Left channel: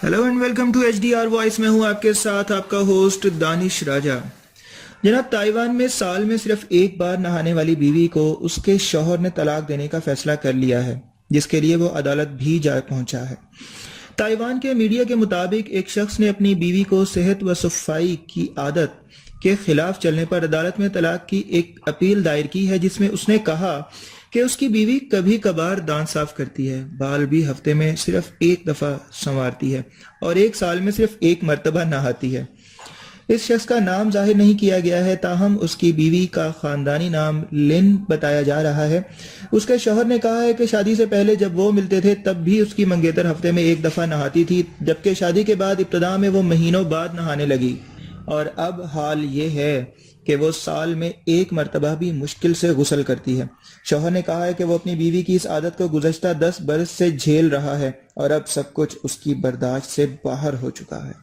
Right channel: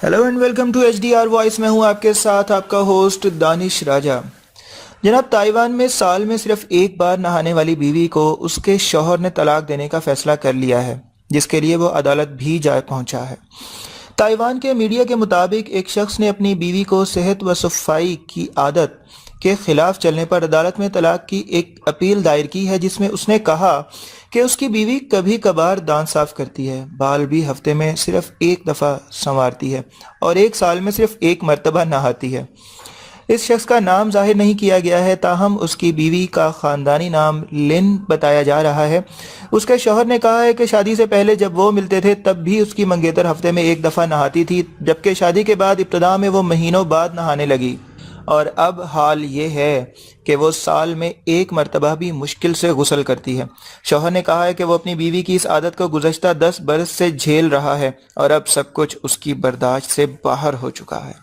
Hello and welcome to HDR voice. मैं हूं आपके साथ आपका होस्ट दानिश राजा। जनाब, ताइवान में साल में सिर्फ एक बार नहाने वाली बीवी को उसके शौहर ने तलाक देने का फैसला कर लिया है, जिसके लिए वो अदालत भी जा पहुंचा है। ताइवान के मीडिया के मुताबिक एक शख्स ने अपनी बीवी को सेहत व सफाई की आदत के खिलाफ चलने पर अदालत में तलाक की एक अपील दायर की है, जिसमें उसने कहा कि उसकी बीवी कभी कभार दांत साफ करती है, बाल भी हफ्ते में सिर्फ एक दफ़ा संवारती है और एक साल में सिर्फ एक मर्तबा नहाती है। इस शख्स का नाम जाहिर नहीं किया गया है, ताहम उसकी बीवी का खानदानी नाम लिन बताया जा रहा है। उसके शौहर ने कहा है कि शादी से पहले जब वो मिलते थे तब भी उसकी मंगेतर हफ्ते में एक दफ़ा नहाती थी, जबकि शादी के बाद इब्तदा में वो महीनों बाद नहाने लगी और अब हाल ये है कि वो साल में एक मर्तबा भी मुश्किल से गुस्ल करती है। शौहर ने कहा है कि वो अपनी बीवी की इस आदत को गुज़श्ता 10 बरस से झेल रहा है और अब सब कुछ उसकी बर्दाश्त से बाहर हो चुका है।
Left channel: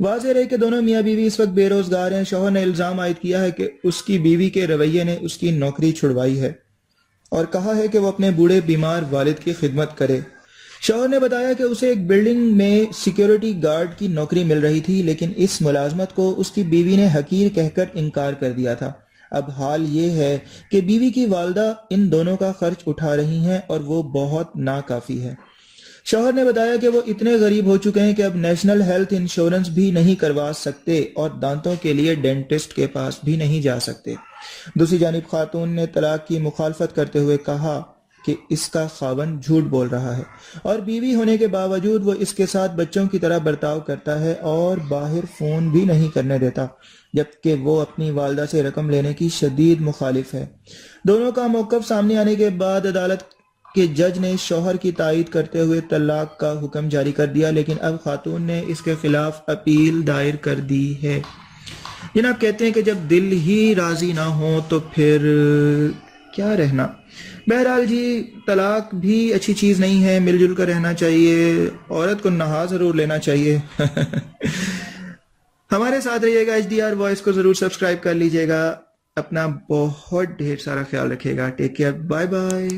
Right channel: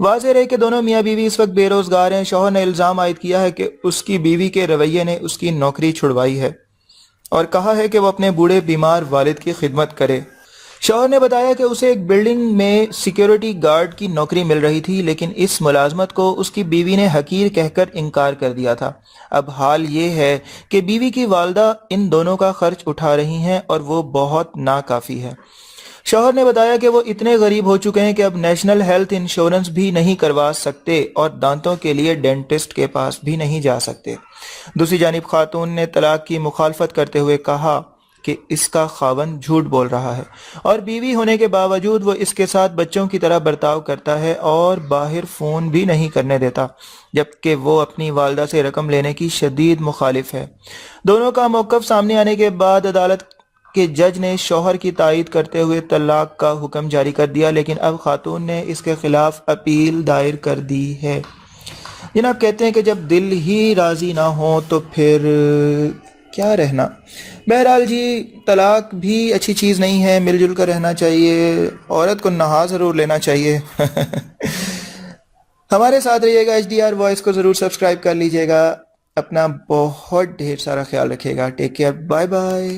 वाज़ेह है कि दोनों मियाँ बीवी इस वक्त बेरोजगार हैं। शौहर ने इल्ज़ाम आयद किया है कि उसकी बीवी के रवैये ने उसकी नौकरी छुड़वाई है और कहा है कि वो अपने बूढ़े बीमार वालिद की खिदमत करे। शौहर ने बताया कि उसे एक बिल्डिंग में सिक्योरिटी गार्ड की नौकरी मिल रही थी, लेकिन इस मुलाजमत को उसकी बीवी ने हकीर कहकर इनकार कर दिया था। अब हाल ये है कि बीवी की वालदा इन दोनों का खर्च उठा रही हैं और वो बहुत नाकाफी है। शौहर ने बताया कि वो इतने गरीब हो चुके हैं कि अब नेशनल हेल्थ इंश्योरेंस भी नहीं करवा सकते और दांतों के लिए डेंटिस्ट के पास भी नहीं जा सकते। दूसरी जानिब खातून ने तलाक की मुखालफत करते हुए कहा कि इसका खावंद झूठ बोल रहा है और बीवी होने के बावजूद वो इसके साथ बच्चों की तरह बर्ताव करता है और बाहर फ़ोन भी नहीं करने देता, जबकि वो अपनी वालदा से रकम लेने की शदीद मुखालिफ है। दोनों का मौक़िफ़ सामने आने के बाद अदालत के जज ने शौहर की तायीद करते हुए तलाक का हुक्म जारी कर दिया, लेकिन अब खातून ने इसके खिलाफ अपील दायर कर दी है। जनाब, कहते हैं कि जब दिल ही राज़ी ना हो तो फिर क्या रहना। बहरहाल जी, तलाक भी अच्छी चीज़ नहीं है, मिलजुल कर रहना चाहिए, औरत को नहा ज़रूर लेना चाहिए। हमारे साथ रहिएगा, HDR वॉइस को ज़रूर सब्सक्राइब कर लीजिएगा। अपना बहुत ढेर सारा ख्याल रखिएगा। Take care, bye bye.